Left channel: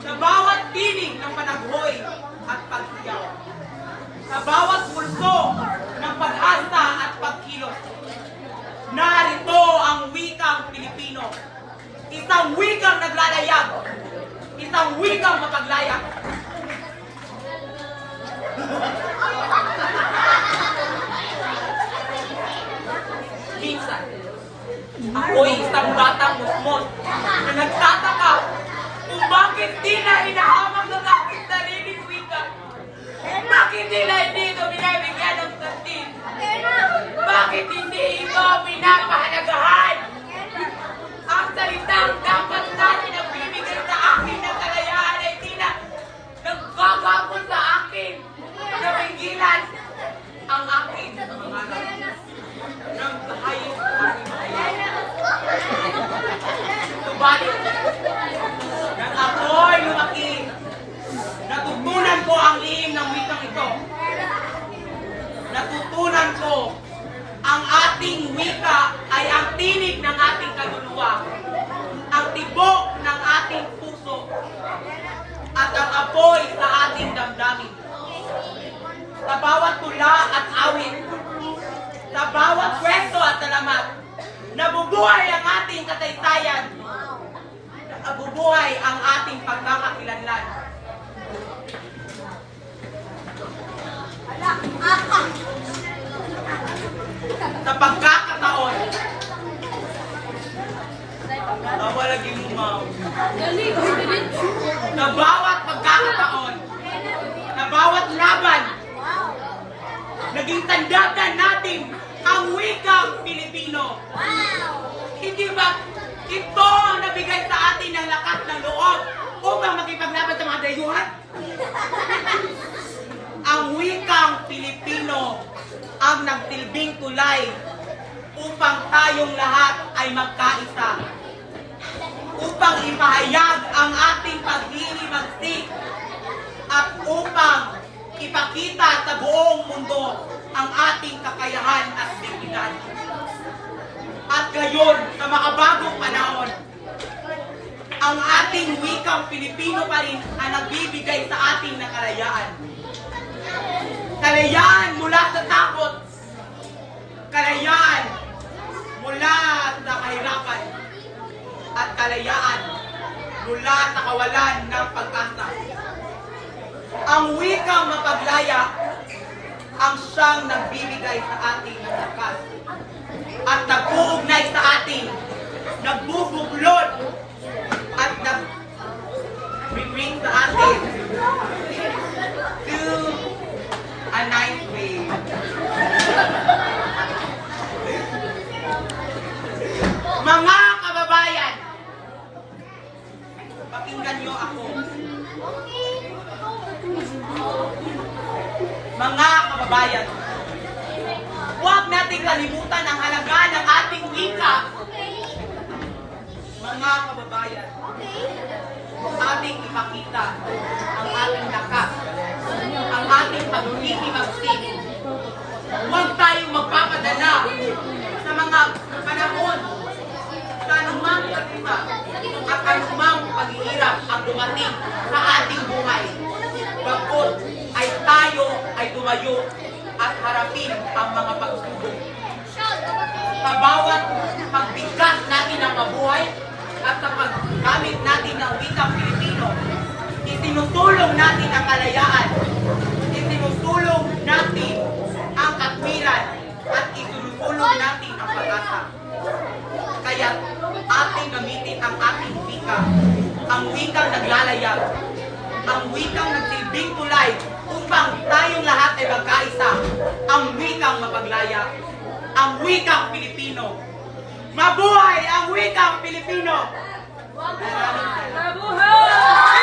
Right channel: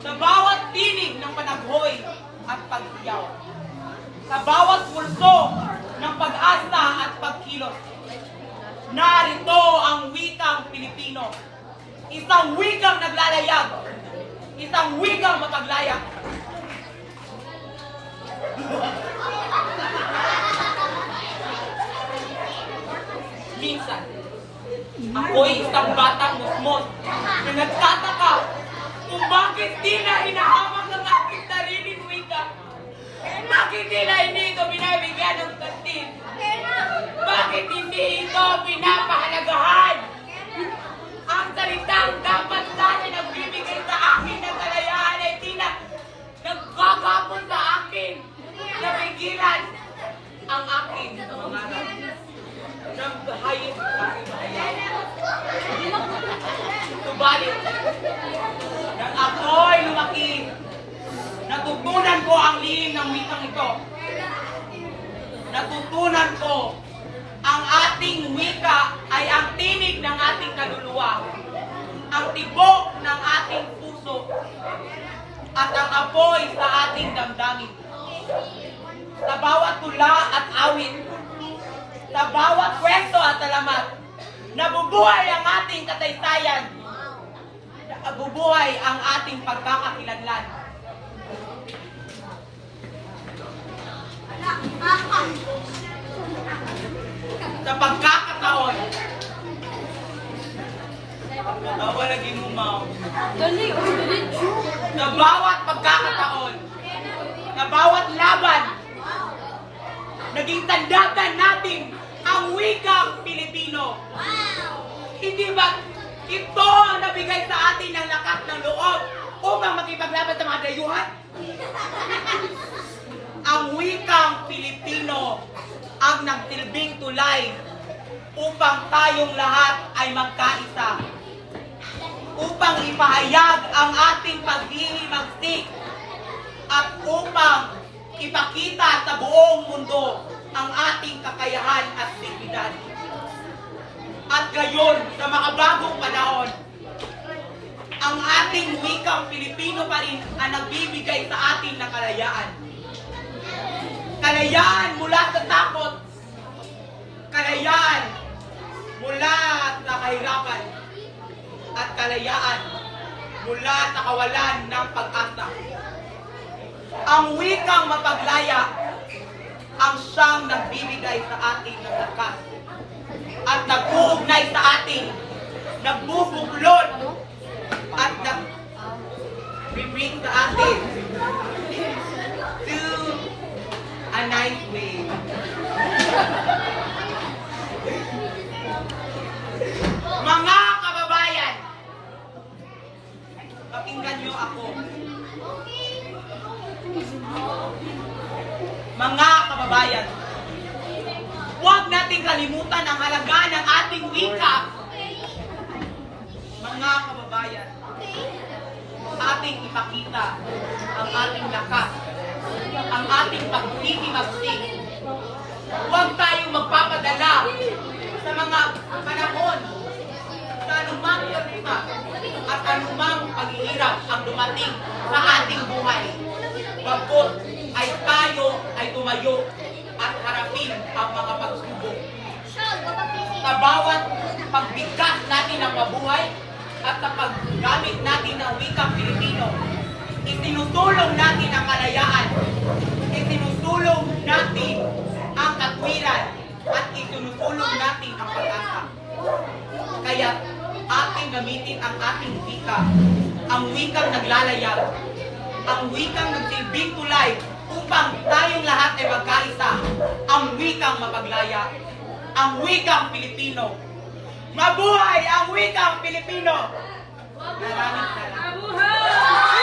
Sa bawat tinig ng panaghoy at paghiyaw. Sa bawat pulso ng pag-asa at pagkilos. Narito ang wikang Pilipino. Isang wikang naglalayag. Isang wikang mapaglaya. Minsan, ako'y isang batang musmos na nagtataka kung bakit di na hinahamag ng aking sariling wika. Bakit di na hindi ito binabigyan ng kantin? Bakit hindi ito pinapahalagahan? Ang salitang dapat natin ang bibigay sa akin ng kalayaan ay di na nagkakapon sa akin na pigilan ang aking mangarap ng kahayos aking mahayag. Subalit, nang ako'y lumaki, natutunan ko ang lihim ng wikang ito. Natutunan ko ang ating wika ay ang tinig ng ating kaluluwa, ang tibok ng ating puso, at ang apoy sa ating damdamin. Sa bawat tula at awit, sa bawat kwento at alamat, nabubuhay ang ating kasaysayan, nabubuhay ang ating pagkakakilanlan. Sa pagkakataon, bawal lagi lumaw. Sa bawat pagkakataon, sa bawat laban, naging tandaan natin ang wikang Pilipino. Hindi ba ito ang nabigay sa atin ng lakas ng loob upang makipaglaban sa mga dayuhan? Ang wikang Pilipino ang nagsilbing tulay upang tayong lahat ay magkaisa. Upang ipahayag ang ating paghihimagtik at upang ipakita sa buong mundo ang ating kakayahan at dignidad. At gayon, sa makabagong panahon, ang ating wikang Pilipino pa rin ang nagbibigay sa atin ng kalayaan. Kalayaan mula sa takot. Kalayaan mula sa kahirapan. At kalayaan mula sa kawalan ng pag-asa. Ang wikang mapaglaya ang siyang nagbibigay sa atin ng lakas at nag-uugnay sa atin, nagbubuklod at nag-bring sa atin to a nice way. Mga kababayan, pakinggan niyo ako. Mga kababayan, huwag nating kalimutan ang halaga ng ating wika. Mga kababayan, ating ipakita ang ating lakas, ang ating paghihimagsik. Huwag tayong magpapadala sa mga panahon, sa anumang kalima at anumang paghihirap ang dumating sa ating buhay. Bagkos ay tayo ay tumayo at harapin ang mga pagsubok. Sa bawat pagbigkas natin ng mabuhay at sa paggamit natin ng wikang Pilipino, itinutulong natin ang kalayaan, itinutulong natin ang katwiran, at itinutulong natin ang pag-asa. Kaya ating gamitin ang ating wika, ang wikang naglalayag, ang wikang nagsilbing tulay upang tayong lahat ay magkaisa, ang wikang mapaglaya, ang wikang Pilipino. Mabuhay ang wikang Pilipino! Mabuhay!